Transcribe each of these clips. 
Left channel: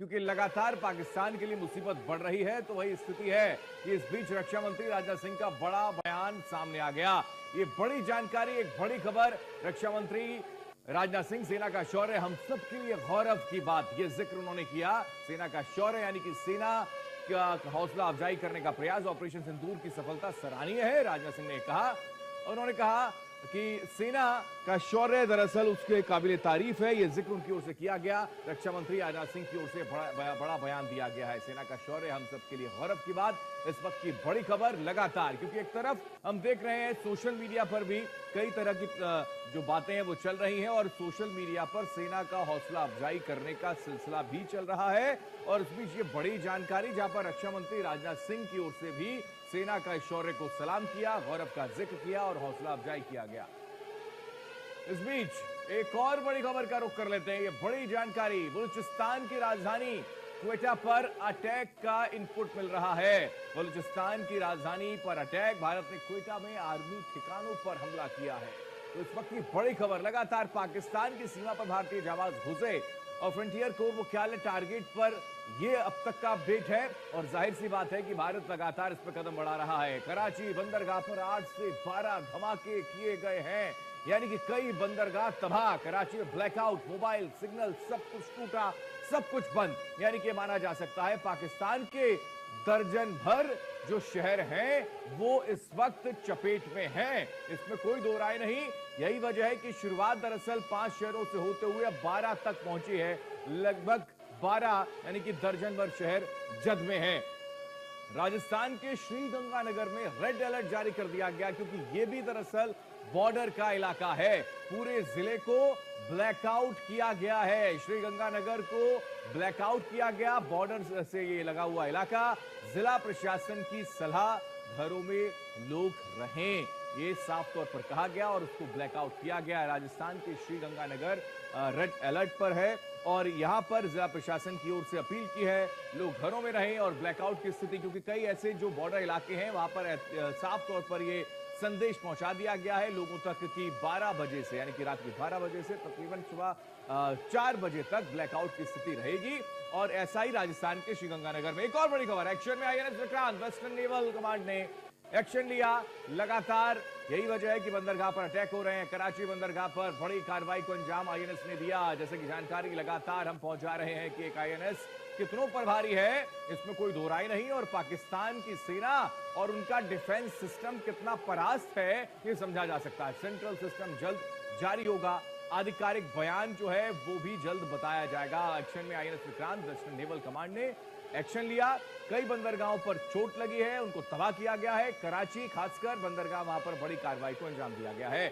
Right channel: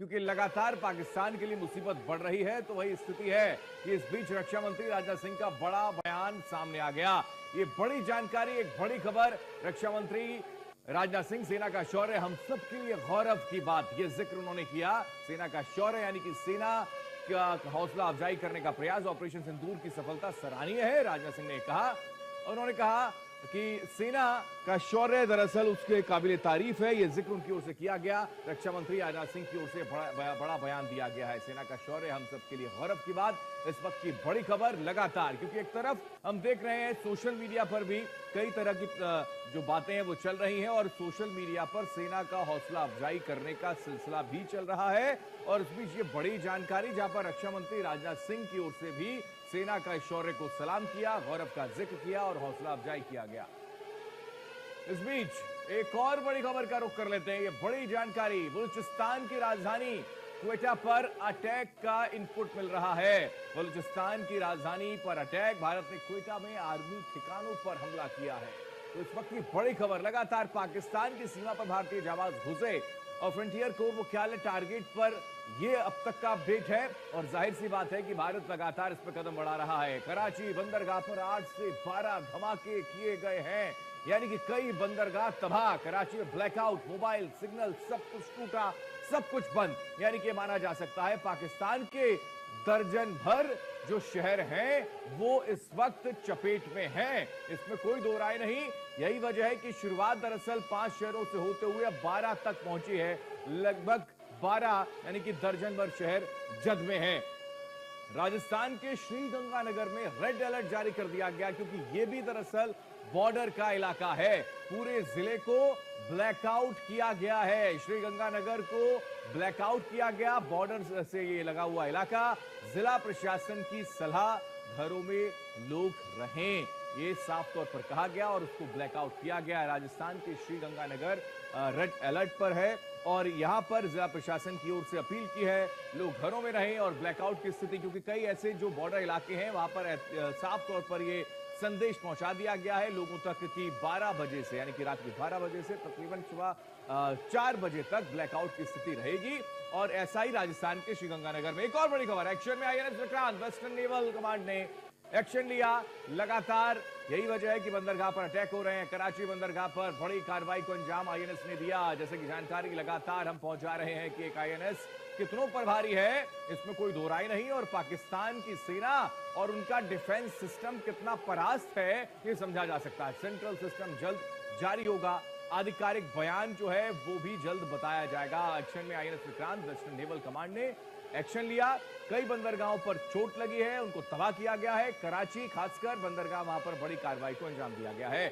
क्योंकि लगातार पाकिस्तान के लिए मुसीबत बढ़ रही है। तो वही स्थिति है कि इस बीच रक्षा मंत्री राजनाथ सिंह का बड़ा बयान सामने आ गया। ये बड़ी जानकारी, एक बड़ी खबर। रक्षा मंत्री राजनाथ सिंह, सेना का शौर्य हम सब के लिए गौरव की बात, ये जिक्र उन्होंने किया। सेना का शौर्य यानी कि सेना का हौसला अफजाई करने का प्रयास, ऑपरेशन सिंदूर की सफलता सराहनीय है, राजनाथ सिंह ने कहा। उन्होंने कहा कि सेना का शौर्य दरअसल उसके काबिल तारीफ है, यह जिक्र उनकी ओर से किया गया। रक्षा मंत्री राजनाथ सिंह की ओर से बड़ा बयान दिया गया है। सेना का शौर्य हम सबके लिए गौरव की बात, इस वक्त की बड़ी खबर लगातार, क्योंकि एक तरफ हम देख रहे हैं सोशल मीडिया पर भी कई तरह की जो बातें हैं वो चल रही हैं, और सोशल मीडिया पर सेना का हौसला अफजाई करने का सिलसिला भी चल रहा है। और इस बीच ये बड़ी जानकारी, जहां पर रक्षा मंत्री राजनाथ सिंह की ओर से भी सेना का शौर्य को सलाम किया, गौरव का जिक्र किया और हौसला अफजाई किया गया। इस बीच एक और बड़ी खबर का रुख कर लेते हैं। ये बड़ी जानकारी, बलूचिस्तान की राजधानी क्वेटा पर अटैक का इनपुट मिल रहा है। बलूचिस्तान की राजधानी पर अटैक, भारत ने क्वेटा में आर्मी ठिकानों पर हमला किया है। तो इस वक्त की बड़ी खबर, लगातार पाकिस्तान की सीमा पर भारतीय जाबाज घुसे और फ्रंटियर कोर मुख्यालय टारगेट पर, यह अब तक का अपडेट है। और जाहिर सी बात है कि भारत लगातार इस पर कदम बढ़ा रहा है। कराची बंदरगाह पर 8 से 12 धमाके किए गए हैं, यानी कि कई बंदरगाह तबाह। कराची में ब्लैकआउट, मोबाइल सिग्नल सब कुछ टूटा, सब कुछ बंद। यानी कि माना जा सकता है पाकिस्तान के दर्जन भर जो शहर हैं वो इस वक्त चपेट में हैं, इसमें कोई दो राय नहीं। यही वजह है कि शुरुआत दरअसल 5 शहरों से होते हुए अब 12 तक पहुंची है। लगभग 12 यानी कि दर्जन भर शहर जद में हैं। राजस्थान के श्रीगंगानगर में रेड अलर्ट जारी कर दिया गया, क्योंकि यह भी दरअसल बॉर्डर का इलाका है। पूरे जिले को ब्लैकआउट किया गया है, श्रीगंगानगर को ब्लैकआउट किया गया, बॉर्डर से ये लगा हुआ इलाका। जिला प्रशासन की सलाह, घरों में लोग रहें, ये साफ तौर पर कहा गया और उसको ब्लैकआउट किया गया। राजस्थान के श्रीगंगानगर रेड अलर्ट पर है और यहां पर जिला प्रशासन की ओर से अपील की है, लोग घरों में रहें। और ब्लैकआउट की स्थिति, क्योंकि कई ऐसे जो बॉर्डर इलाके हैं वहां पर साफ तौर पर ये संदेश पहुंचा दिया गया है लोगों तक कि 12 बजे से, यानी कि रात के 12 बजे से तकरीबन सुबह 4 बजे तक ब्लैकआउट की स्थिति रहेगी। और ऐसा ही राजस्थान के श्रीगंगानगर में। एक और बड़ी खबर, एक्शन में INS Vikrant, western naval command ने एक्शन लिया लगातार। यही वजह है कि बंदरगाह पर अटैक हो रहे हैं। कराची बंदरगाह पर बड़ी कार्रवाई को अंजाम आईएनएस ने दिया। जैसे कि जानकारी लगातार हम पहुंचा रहे हैं कि एक आईएनएस कितनों पर भारी है, इसमें कोई दो राय नहीं। और पाकिस्तान की सेना और उनका डिफेंस सिस्टम कितना परास्त है, यह समझा जा सकता है। सेंट्रल सिस्टम जल्द जारी होगा, आधिकारिक बयान जो है वो भी जल्द बताया जाएगा। एक्शन में INS Vikrant, western naval command ने एक्शन लिया। कई बंदरगाहों पर चोट लगी है, उनको तबाह किया गया है। कराची खासकर बंदरगाह, वहां पर बड़ी कार्रवाई को अंजाम दिया गया है।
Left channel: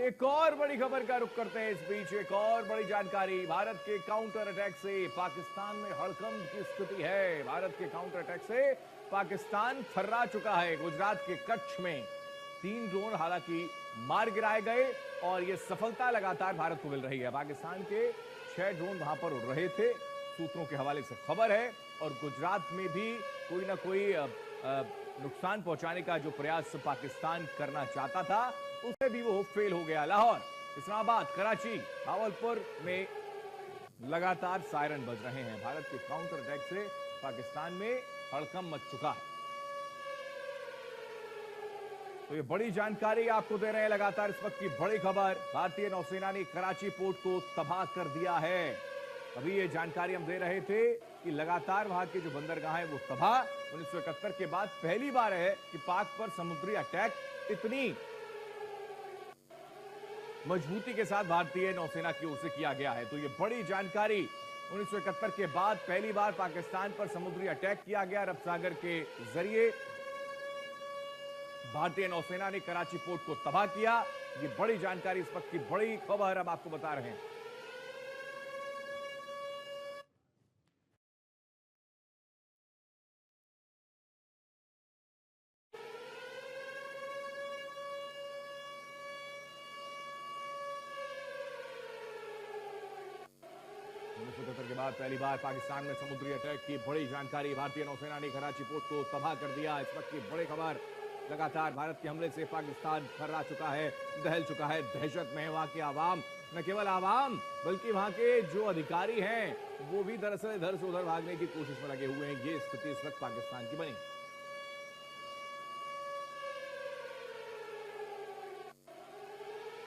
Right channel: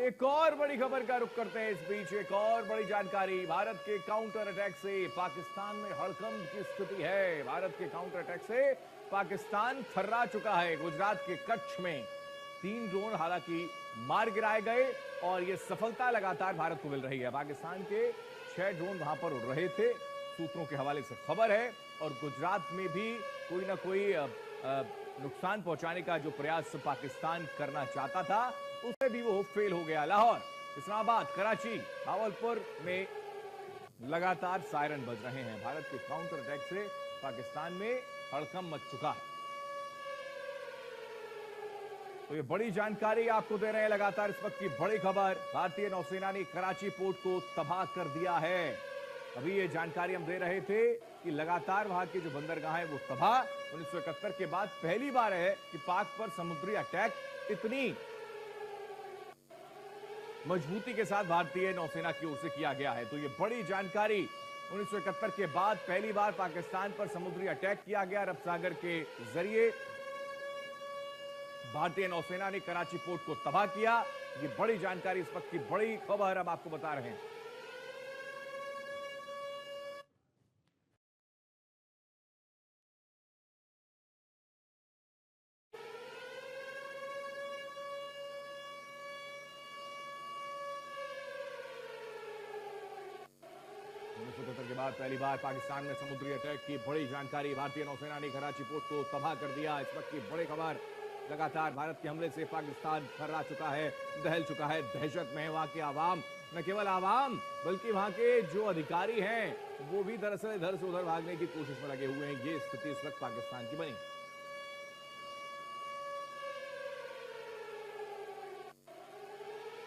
एक और बड़ी खबर का रुख करते हैं। इस बीच एक और बड़ी जानकारी, भारत के काउंटर अटैक से पाकिस्तान में हड़कंप की स्थिति है। भारत के काउंटर अटैक से पाकिस्तान थर्रा चुका है। गुजरात के कच्छ में 3 ड्रोन हालांकि मार गिराए गए और यह सफलता लगातार भारत को मिल रही है। पाकिस्तान के 6 ड्रोन वहां पर उड़ रहे थे, सूत्रों के हवाले से खबर है। और गुजरात में भी कोई ना कोई नुकसान पहुंचाने का जो प्रयास पाकिस्तान करना चाहता था, उसमें भी वो फेल हो गया। लाहौर, इस्लामाबाद, कराची, भावलपुर में लगातार सायरन बज रहे हैं। भारत के काउंटर अटैक से पाकिस्तान में हड़कंप मच चुका है। तो ये बड़ी जानकारी आपको दे रहे हैं लगातार, इस वक्त की बड़ी खबर। भारतीय नौसेना ने कराची पोर्ट को तबाह कर दिया है। अभी ये जानकारी हम दे रहे थे कि लगातार वहां के जो बंदरगाह है वो तबाह। 1971 के बाद पहली बार है कि पाक पर समुद्री अटैक इतनी मजबूती के साथ भारतीय नौसेना की ओर से किया गया है। तो ये बड़ी जानकारी, 1971 के बाद पहली बार पाकिस्तान पर समुद्री अटैक किया गया अरब सागर के जरिए। भारतीय नौसेना ने कराची पोर्ट को तबाह किया। ये बड़ी जानकारी, इस वक्त की बड़ी खबर हम आपको बता रहे हैं। के बाद पहली बार पाकिस्तान में समुद्री अटैक की बड़ी जानकारी, भारतीय नौसेना ने कराची पोर्ट को तबाह कर दिया। इस वक्त की बड़ी खबर, लगातार भारत के हमले से पाकिस्तान थर्रा चुका है, दहल चुका है, दहशत में है वहां की आवाम। न केवल आवाम बल्कि वहां के जो अधिकारी हैं वो भी दरअसल इधर से उधर भागने की कोशिश में लगे हुए हैं। ये स्थिति इस वक्त पाकिस्तान की बनी।